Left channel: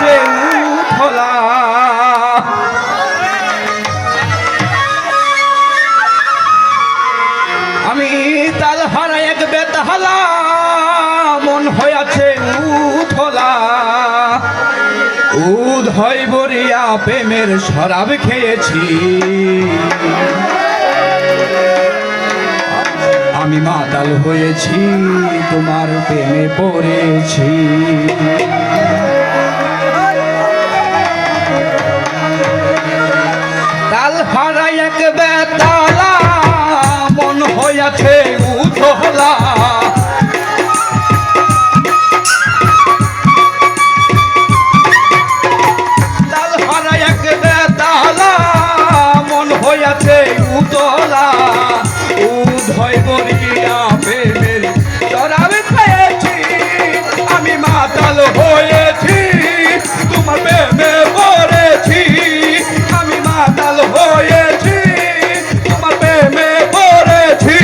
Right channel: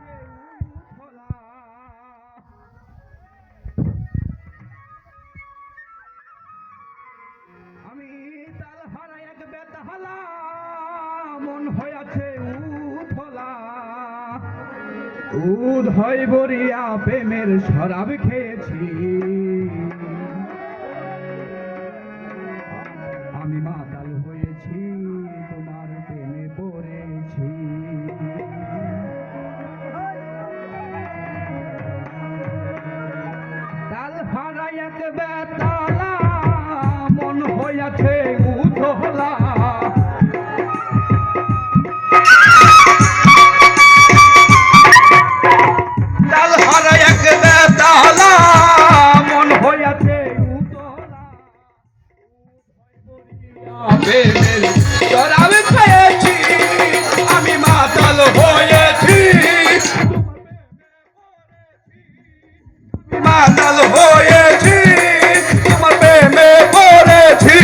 হয়েছে উথলা। আমি তাল হারা এক বেতাহালা, মন হয়েছে উথলা। উদয় বরিয়া প্রেমের শরাব খেয়েছি, আমি মাতাল হয়েছি তোমার প্রেমে পড়েছি। তাল হারা এক বেতালা, মন হয়েছে উথলা। তাল হারা এক বেতালা, মন হয়েছে উতলা। উদয় বরিয়া প্রেমের শরাব খেয়েছি, আমি মাতাল হয়েছি তোমার প্রেমে পড়েছি। আমি মাতাল হয়েছি তোমার প্রেমে পড়েছি।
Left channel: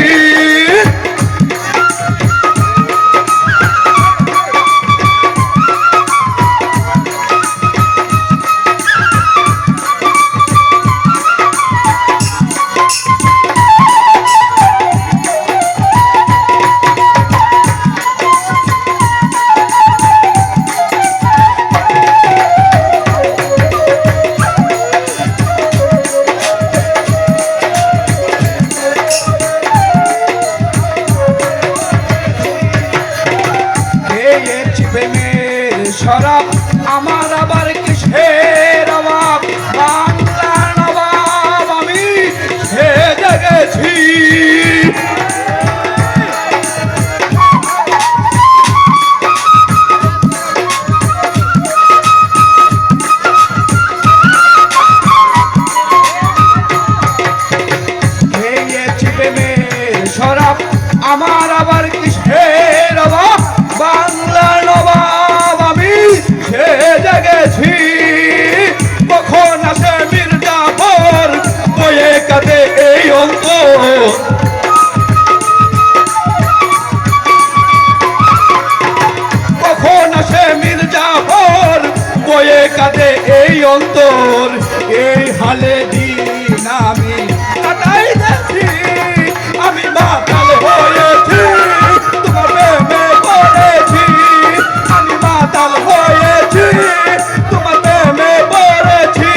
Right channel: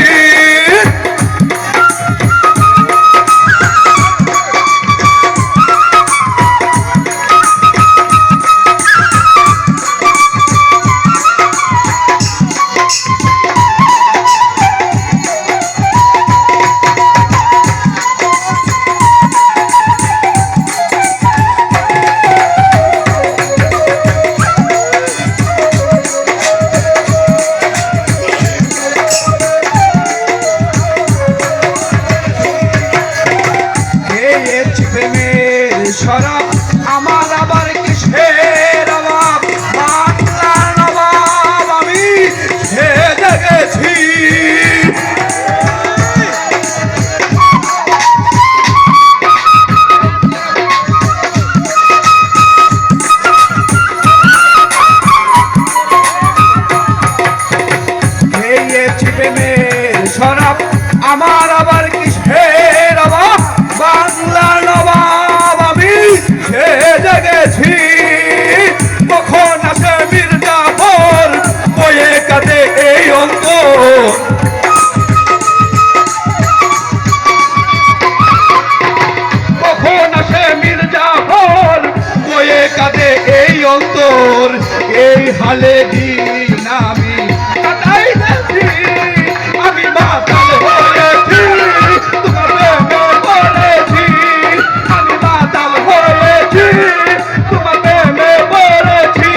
শরাব আমার আবার কিসের অভাব, বাংলার নবাব আমি সেজে গেছি। খেয়েছি প্রেমের শরাব আমার আবার কিসের অভাব, বাংলার নবাব সেজে গেছি। কখন আসে মির্জাফর বয়ে কাঁদে এই অন্তর, কখন আসে মির্জাফর বয়ে কাঁদে এই অন্তর। এই হালে দিন আমি কাটাই যাচ্ছি, আমি মাতাল হয়েছি তোমার প্রেমে পড়েছি। আমি মাতাল হয়েছি তোমার প্রেমে পড়েছি।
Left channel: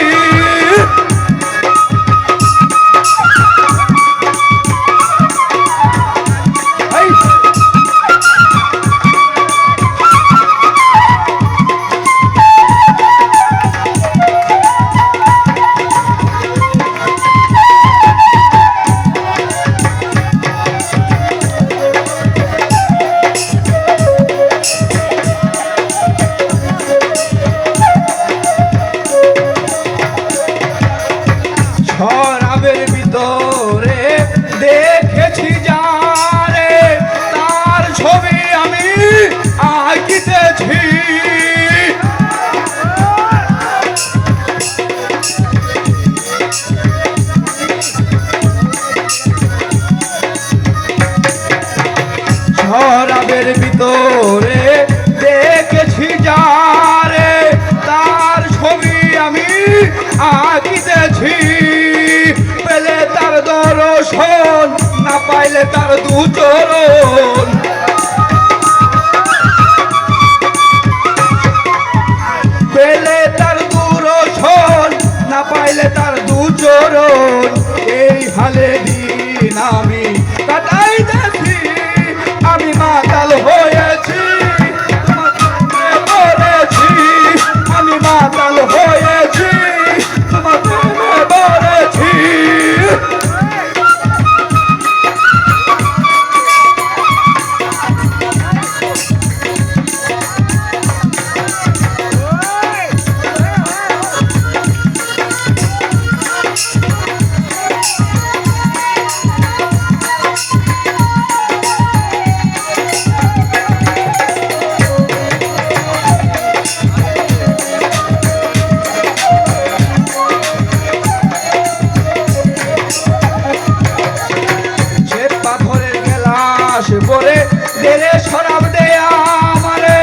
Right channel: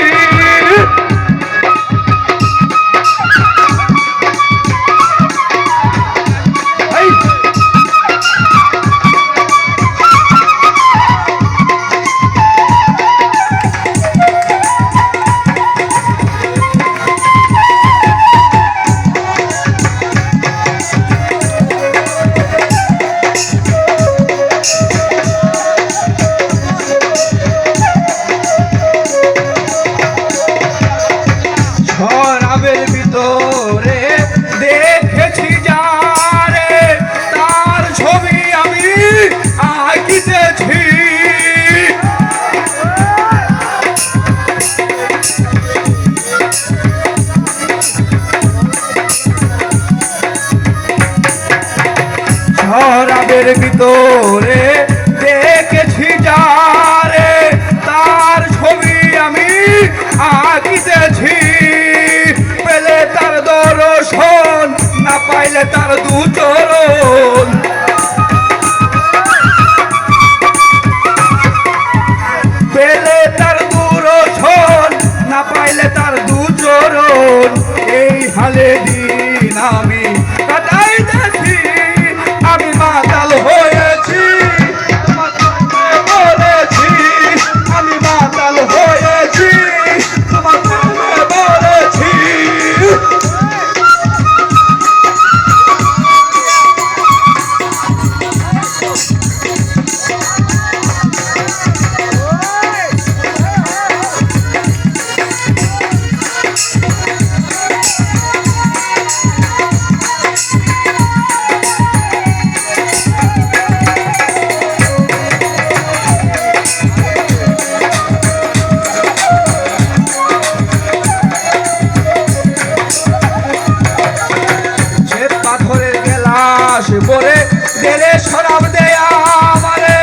শরাবের ভিতরে দেখেছি যারে, তার ছবি আমি আঁকিতেছি। শরাবের ভিতরে দেখেছি যারে, তার ছবি আমি আঁকিতেছি। পেলে তার দর্শন, না পাইলে তার দুচরণ। পেলে তার দর্শন, না পাইলে তার দুচরণ। এই হালে দিন আমি কাটাই যাচ্ছি, আমি মাতাল হয়েছি বলেছি। আমি মাতাল হয়েছি তোমার প্রেমে বলেছি। পরে গেলে শরাব দেয়া আমারে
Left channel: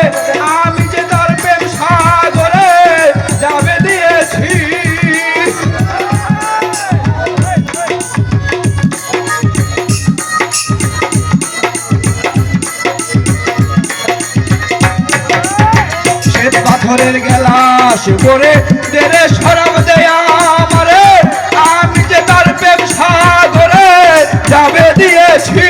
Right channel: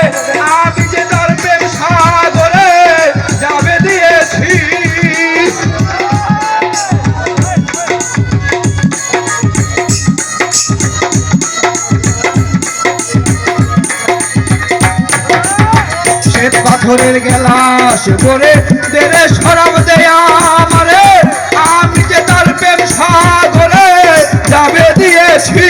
বছরের গেলাস করে দেরে শরাব দেয়া আমারে, আমি যে তার প্রেম সাগরে যাবে দিয়েছি।